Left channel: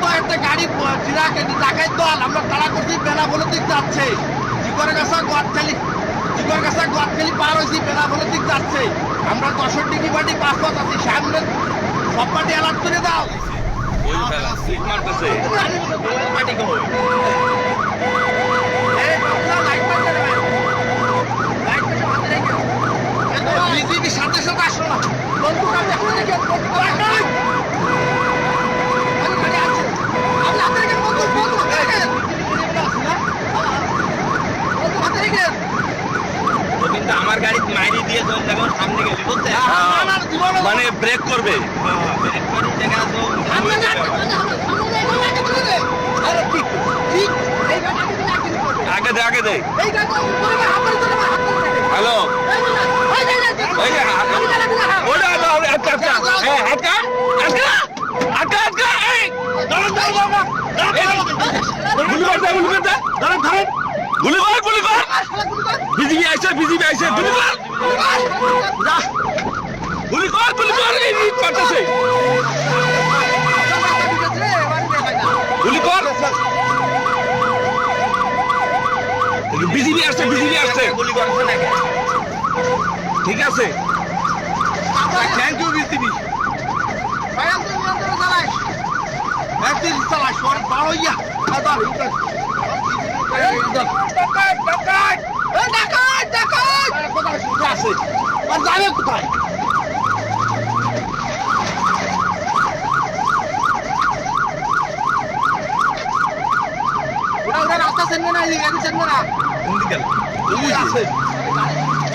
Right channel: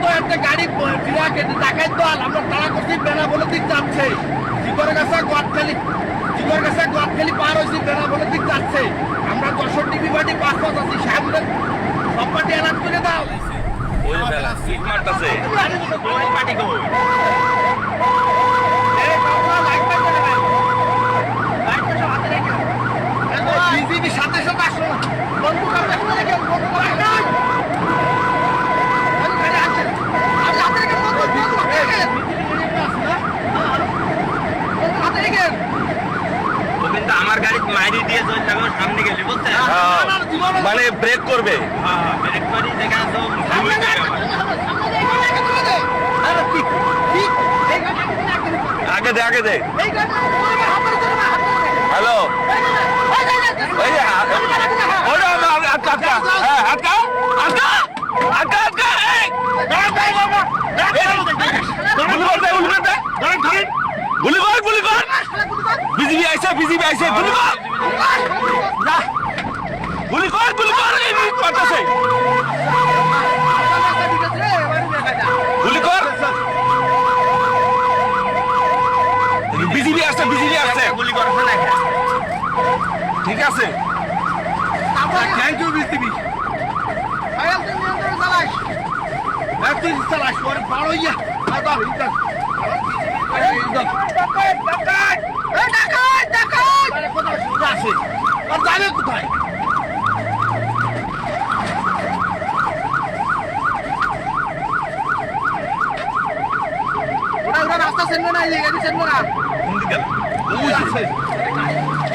তো একটা গাড়ি টাকায় দল আমরা তারা করছি বেড়া বলে দিক যাচ্ছে জিগর গাছা গোয়াটখালি পার হয়েছি বেড়া বলে দিক যাচ্ছে আমরা 10 টিভি পার্টি 5 পাঁচ আছি সামনে সব পার্টি অ্যালার্ট করে দাও ওই ফেলা সিট মারতাছে পার্টি গো বিজেপি সাথে সাথে আসলো না বন্ধু কিন্তু আমার গাড়ি মাইরি দিয়ে চলে যাবে সামনে গেলে বুঝতে মানে ব্রেক করবে ব্রেক করি দেখা আগে দে আগে দে হ্যালো বিজিবি আইছে গুলি কর পাঠাছে গুলি কর বিজিবি আসছে গুলি করছে না ঠিক আছে থ্যাংক ইউ বিজিবি চালাস বড় ইয়া আছে আর যাবে কোথায় ওরা রাস্তা চেনবে না এই গাড়ি চেনবে না কোন দিকে ওই আছে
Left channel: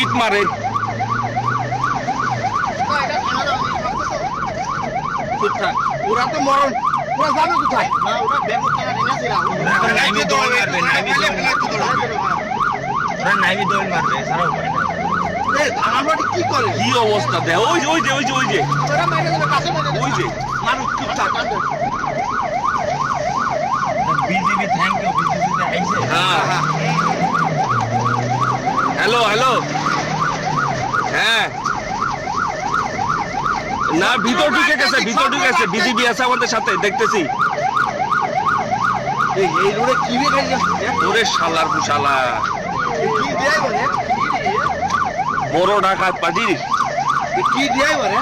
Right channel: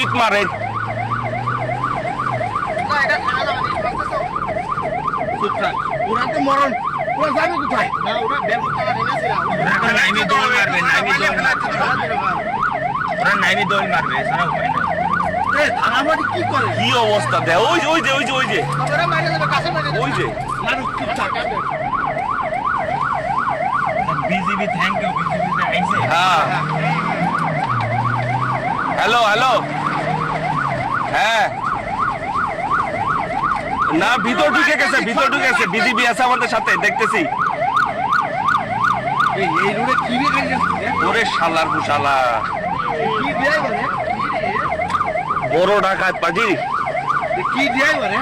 ইট মারে ওরা তো মরণ ওরা যাবে কোথায় না ওরা ব্যাংক টাকা রেখেছে এখন নাইমি দৌড় মারবে ওরা নাইমি দৌড় মারবে সারা উপায় না এই আমাদের কি করে কি অবস্থা দে ওই যে ওরা মাইরে যাবে কাছে মাইরে ওই যে মানুষ চুপচাপ কাঁদবে বিজিবি থ্যাংক ইউ বিজিবি আইছে হ্যাঁ হ্যালো হ্যাঁ না ভিতর ঢুকে গেছে বিজিবি আছে আমাদের সাথে দেখতেছি এই রোডে কি রে গাড়ি যাচ্ছে ওরে শালার বুশালা কি দেয় বলে বড় ডাকাত পাজি কি দেয় বলে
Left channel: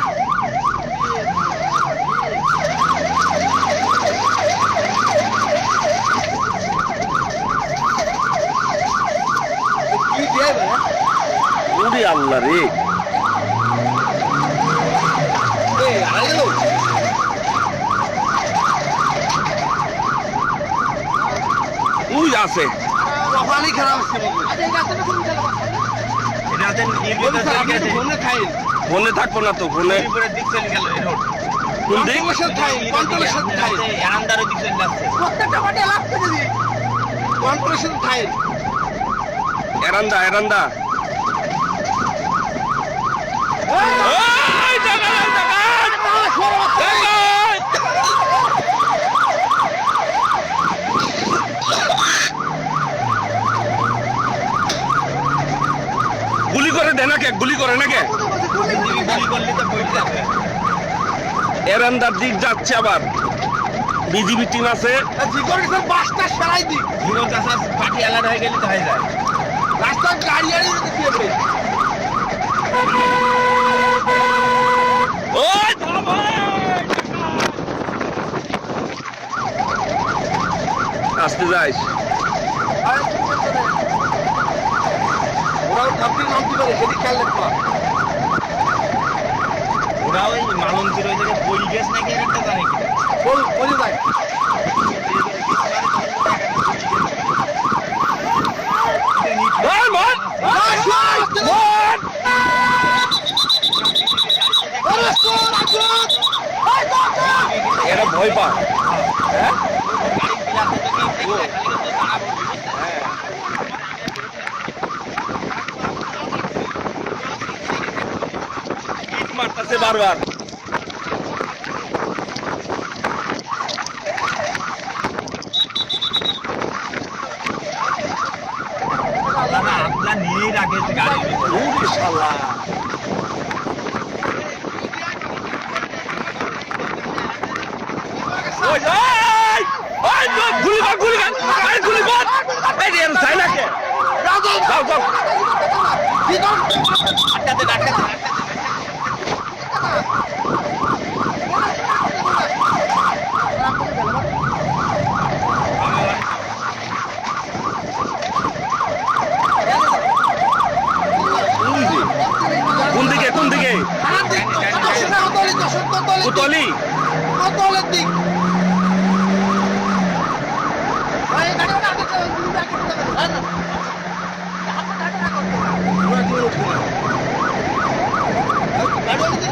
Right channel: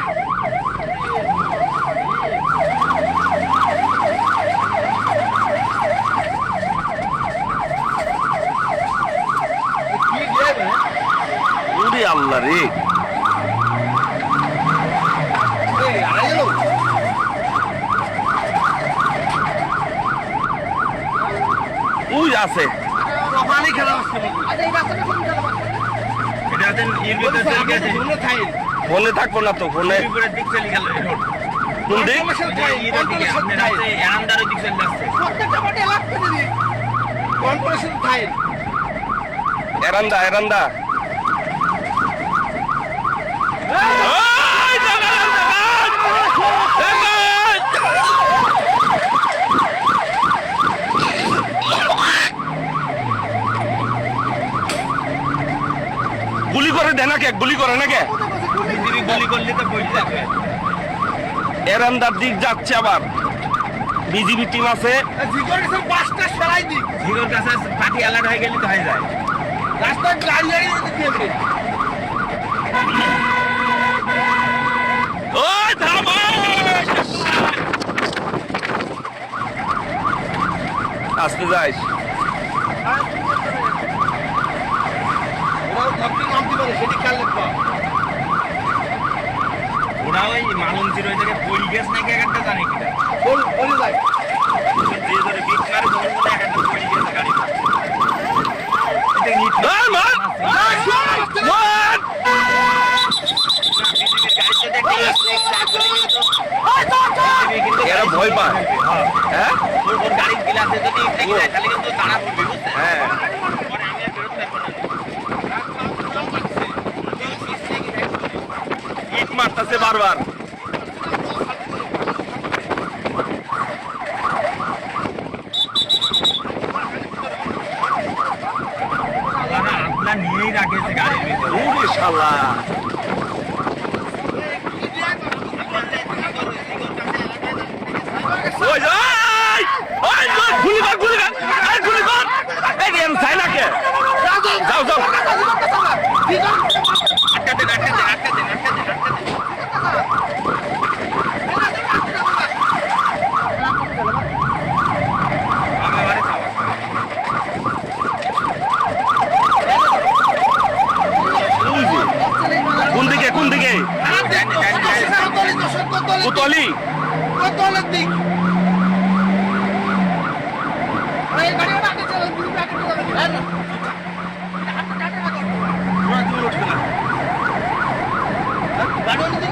কি দেয় বলে ওরে আল্লাহ রে এই আইলো ওই আছে পানি খেলা হচ্ছে আচ্ছা এই রাস্তাটা কোন জায়গা এটাতে ইউনিট চলে গেছে ফোনে খাই ফোনে থাকবো না তো ফোনে উপরে দিক চলে গেল এই রোড কোন দিক এরান্দারের দিক চলে যাচ্ছে প্রত্যেকটা পার্টি অ্যালার্ট করে দিই কর্পোরেশন খাই এরান্দা ওই ডাকাত গুলি করে না কে গুলি করলে তো বই যাবে এরান্দার দিক যাচ্ছে আবার বিজিবি টিম আছে জিগর কিছু বাসটা সরাই দিই জিরো কাছে পার্টি অ্যালার্ট হয়ে গেলে তো হয়ে যায় রাস্তায় গাড়ি দিতে ওই থামো আসতে যাইস ওরাও থামতে নামতে পারে সেটি খেয়াল রাখবা ওরা ওই মালন ছিল ওই জায়গায় পড়ি গেছে নাকি একটা জানে কিনা বলে যায় যে ধরে বিকারে তখন মনে একটা পড়ি গেছে গাড়ি এটা নিট মার এরা ভয় পায় হ্যাঁ ওর গাড়ির গ্লাসে যদি ঠেকে যায় তাহলে কিন্তু দাঁড়া পড়বে হ্যাঁ ইট মারতাছে বারবার আপনার নিয়েই রাখেছে গাড়ির ভিতরে ওরে শালা ওই যা যাও যাও আটটা দেন আটটা দেন আটটা দেন আটটা দেন আটটা দেন ওই যে কোন দিকে কোন দিকে কোতলি কোতলের দিক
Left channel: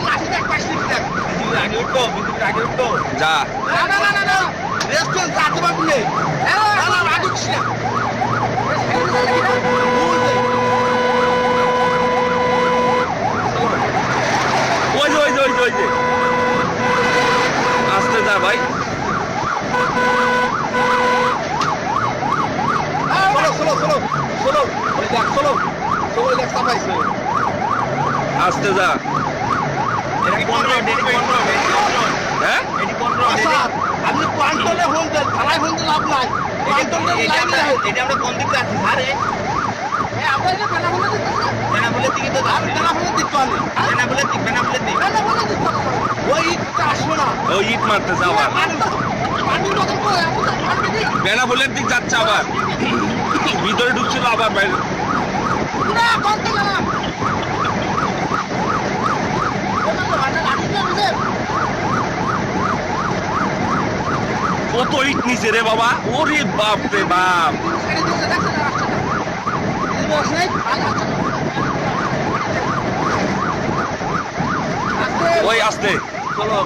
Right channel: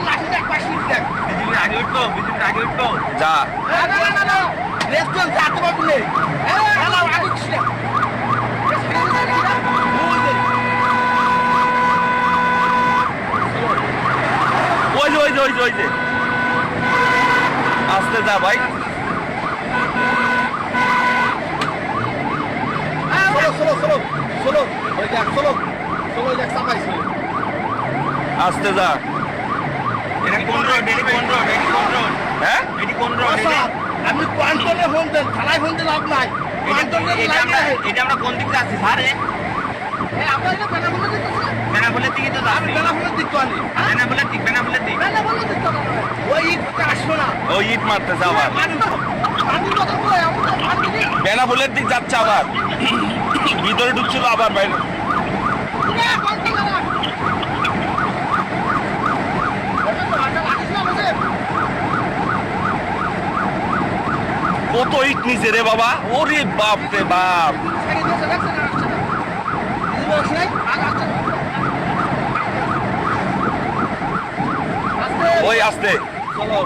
লাঠি দেখ পাশে দেখ বিদ্যুতের আগে উঠতো বিদ্যুতের আগে উঠতো যা রেস্টুরেন্ট যাতে পারবি নেই আগুচ্ছি না ওই যে ওই যে ওই যে ওই যে আস্তে যা ভাই চলো চলো চলো চলো ওই দেখ চলো চলো ওই দেখ চাপাইছে আস্তে যা এটা কোন রোড এটি কোন রোড এটি কোন রোড হ্যাঁ এটি কোন রোড আমি কোয়ান্টলে ফোন দেন থালায় ফোন দিলে লাভ নাই কোয়ান্টলে লাইনে রাখে এটা আমরা কোন দিক থেকে আসছি স্যার আপনার এটা বেনাবলে দিতে বেনাফুলের দিকে তো আমি বেনাবলে দিতে পারি বেনাফুলের দিক বেনাফুলের দিক বেনাবলে দিতে পারি ওই ইটটা আসবে না ও ইট মারতেছে আবার আমি বদল করে আমি তো মারবে নি বেনাফুলের দিক যাচ্ছে আবার ভিতরে ঢুকছিল আবার বাইরে না কোনটা না কত ইট নিচে রে বাবা ওরে বাপ রে বাপ ওই আস্তে চলো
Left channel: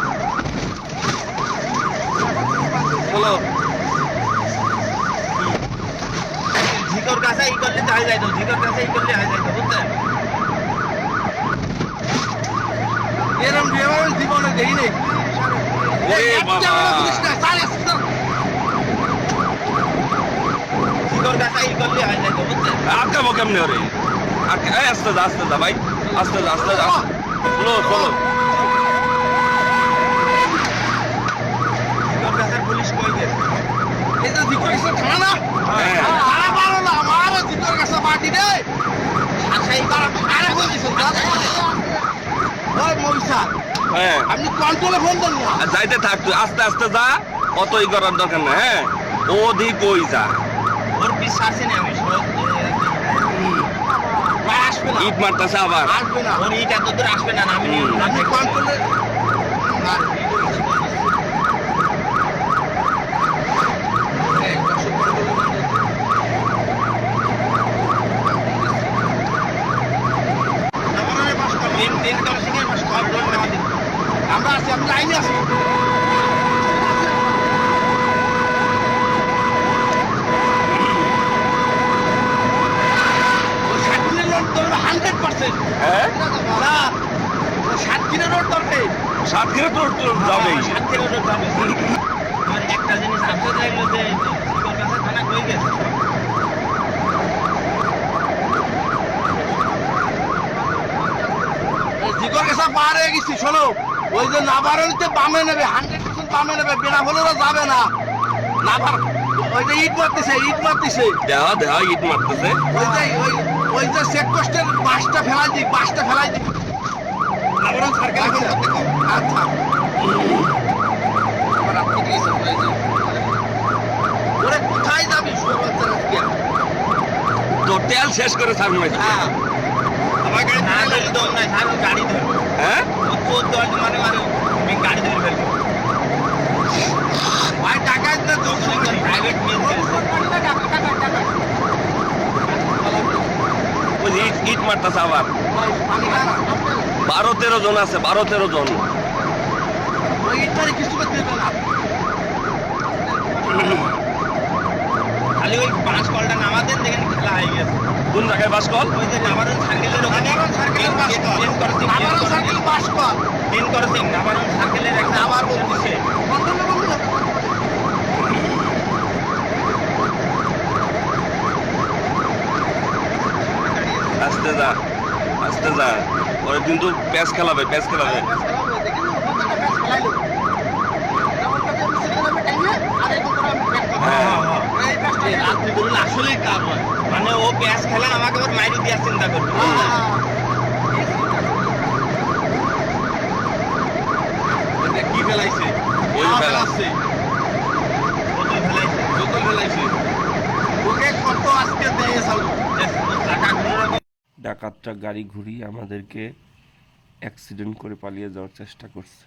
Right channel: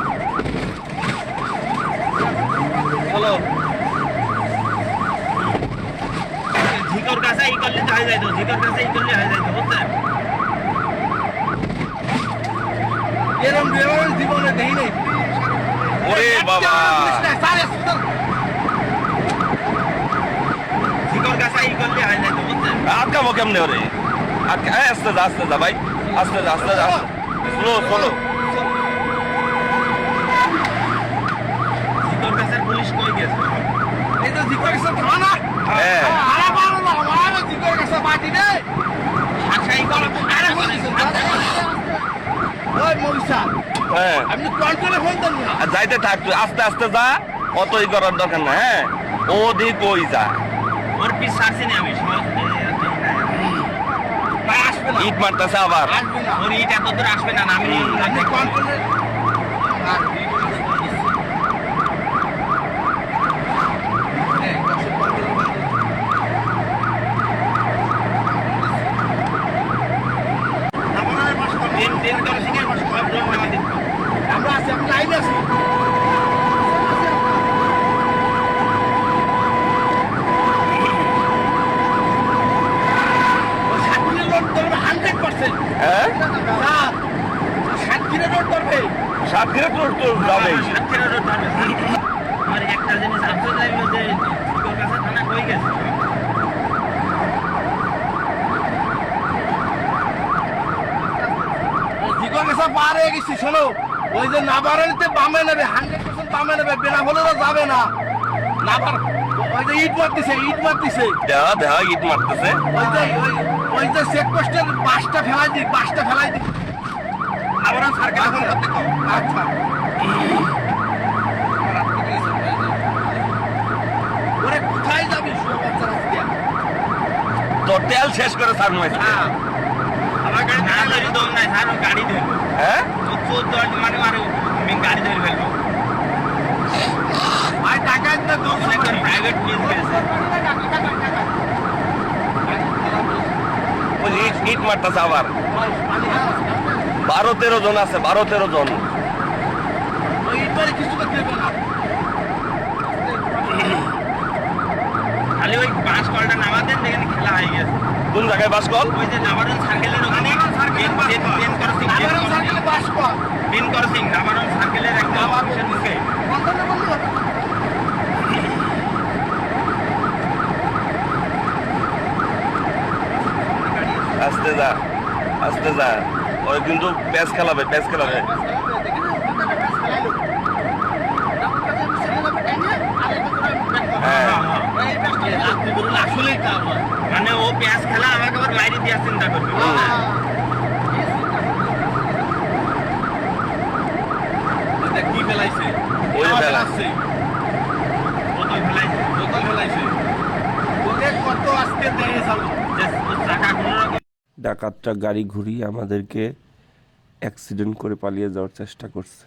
চলো ঝিকর কাছে ই করলে তো হয়ে যাইতো ঝিকর কাছে ই করলে হয়ে যাইতো বুঝছেন এরম ড্রাইভার জীবনে দেই নেই ওরে বাবা ঝিকর কাছে ই করলে হয়ে যাইতো বুঝছেন আটকাবো কেমনে ওরে আস্তে যা ভাই আস্তে যা স্লো চলো ঝিকর কাছে পুলিশ কই গেছে এই যে জিকর কাছে থানা হ্যাঁ ভাড়া পারো না আমার জিকর কাছে পার্টি রে আচ্ছা এই বার আরে বলিস ওই মবিসা হ্যাঁ আপনি কন্ট্রোলে ফোন দেন না আর যাইতে থাক তুই আস্তে আস্তে যা অত ই করার দরকার না হ্যাঁ ওদিক ওই যা ওর পিস ছাড়ছি না আমি সহজ ভাই আসবে না ইট মারতেছে আবার আসবে না ওর ইট এত দূর আসবে না আমি আপনি কন্ট্রোলে আমরা আছি আমি লাইনে আছি হ্যাঁ 7 দিনের রোড ধরবে সাত দিনে তো যাবে আমার একটা জিনিস আফসোস লাগলো যে ঝিকর কাছে থানা কই গেছে জিগর গেছে পার হয়ে গেছি শোনো ওই যে নাবারণীতে বামে নেবে 100% বামে নেবে বেনা হলেও যাবে না নাবার ওই যে ইট মারতেছে দেওয়া ইট মারতেছে ওই যে চেক পোস্টের বাসটা ফেলাই দিই নাবরণ সার্কেল ফোন করতে কও আচ্ছা ওরে কোথায় যাবি শুয়ে বাচ্চারা আজকে তোর তেল শেষ করে ছাড় মাইছে আমার গাড়ি না ধরি দম নাই স্যার গাড়ি ধরবো হ্যাঁ ও 14 মানে আমি গাড়ি ধরে ফেলবো ভাই টাকা দিতে তো প্রাইভেট কেস ওই ইট মারতেছে আবার 12-13 জন আছে 12-13 জন ওই ইটবারে কিছু করতে দেবে না খালি ওই 5 কলটা নামাতেন দেখেন খেলা হয়ে গেছে কোন জায়গায় বাস কল ওই যে নাবারণ সার্কেলের ওখানে মেন করসিং নাবারণ সার্কেলের একটা আবার দিছে আস্তে যা ওই কিন্তু প্যাচ খেলাবে আসলেই কাজ মানে ও প্যাঁচ খেলা আমাকে আবার মাইরি দেওয়ার চিন্তা করবি এটা কি ফেলাইছে? ওই যে আমার ফেলা। আছে। বোতল ফেলাইছে বোতল ফেলাইছে। ওকে কত আজকে দিয়ে চালু। চাকাগুলো ডাকাতটা গাড়ি ঘুরিয়ে আমাদেরকে অ্যাক্সিডেন্ট করে পালিয়ে যাওয়ার চেষ্টা করছে।